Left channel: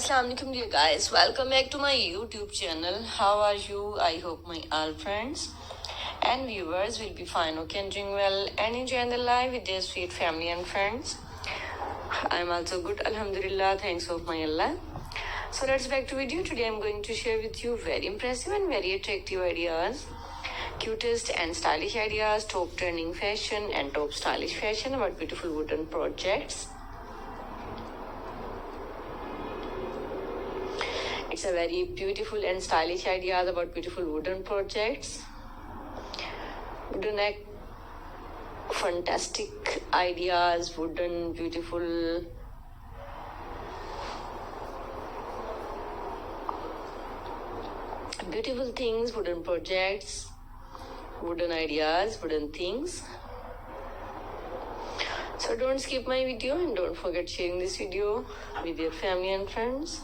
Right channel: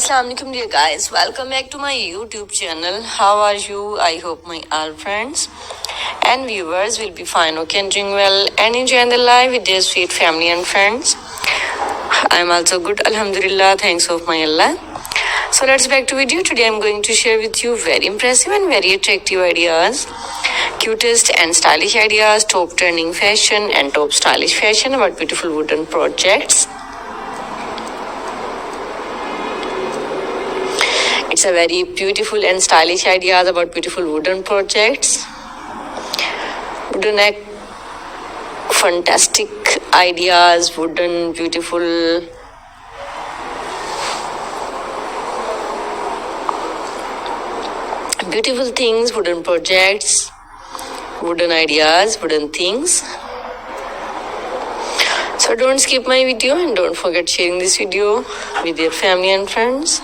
Assalamu alaikum dear guys, welcome back to my YouTube channel. How are you? I hope my all friends and viewers will be fine, okay, and doing well and enjoying the life with their sweet family and friends. I'm also good, alhamdulillah, thanks of my Allah. So let's back to video. Today I'm going to share with you very impressive and very attractive ideas, cutest and stylish ideas, top trending fashion and top stylish fashion about beautiful wooden projects. It's a very beautiful and stylish ideas about beautiful wooden projects. Wooden fantastic ideas, wooden beautiful things, wooden projects, wooden ideas, wooden things. So don't skip my video and don't forget sharing this video with your family and friends.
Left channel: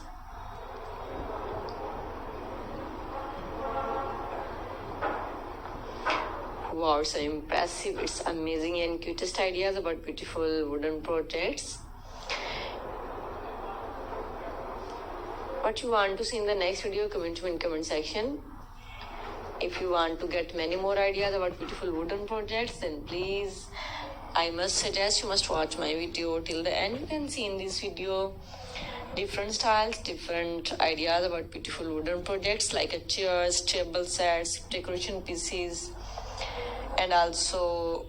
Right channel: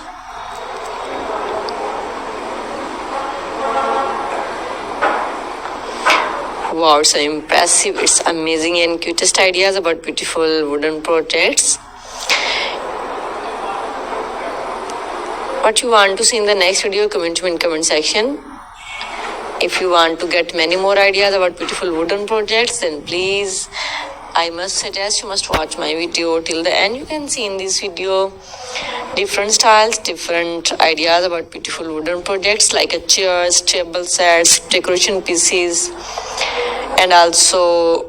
Wow, so impressive. It's amazing and cutest ideas about beautiful wooden projects. What you want to see in the next video, comment in comment section. If you want to get many more ideas about beautiful wooden projects, then please, I must suggest you must watch my video till the end. You can see in this video different styles, different ideas about beautiful wooden projects like a chairs, table sets, decoration pieces, and also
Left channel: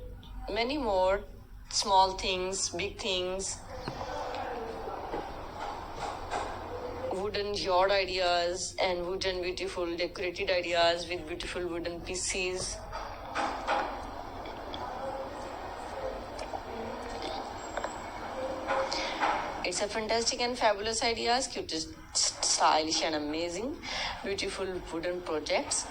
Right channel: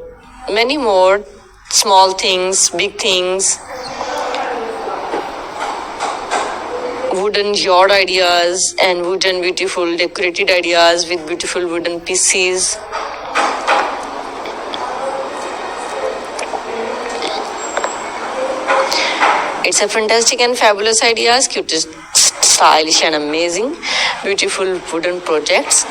many more small things, big things, wooden yard ideas and wooden beautiful decorated ideas with beautiful wooden pieces. It's a fantastic and fabulous ideas, cutest, stylish and amazing, beautiful wooden projects.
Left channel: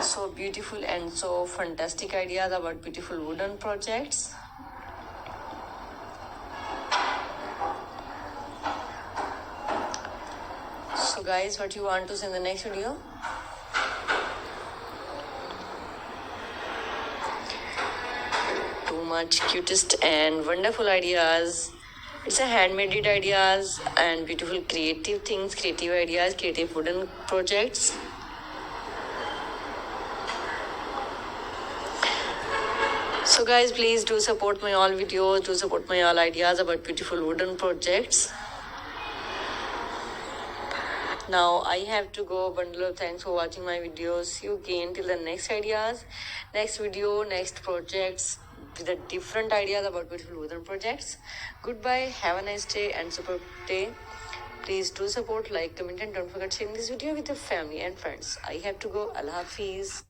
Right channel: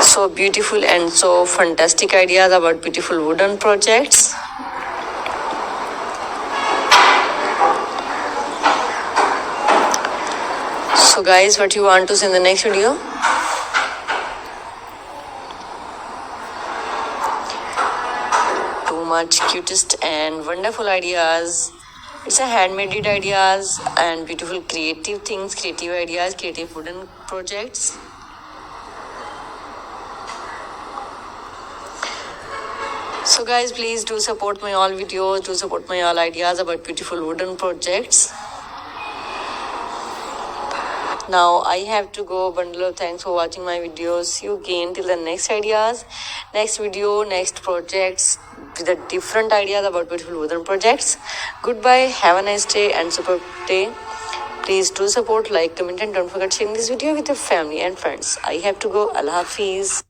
So beautiful and so fantastic ideas about beautiful wooden projects. So guys, what you want to see in the next video? Too much cutest and wonderful ideas. It's a handmade ideas and beautiful creative things, creative ideas, creative wooden projects. So guys, please do support my all videos, do support my all ideas about beautiful wooden projects. Now I have to go. Bundle of thanks for watching my videos. See you again till the next ideas, next video, next projects with a different ideas about beautiful wooden projects. Goodbye, have a nice day and superb day. Please do support, like, comment and don't forget sharing this video with your family and friends. I have to go. Allah Hafiz.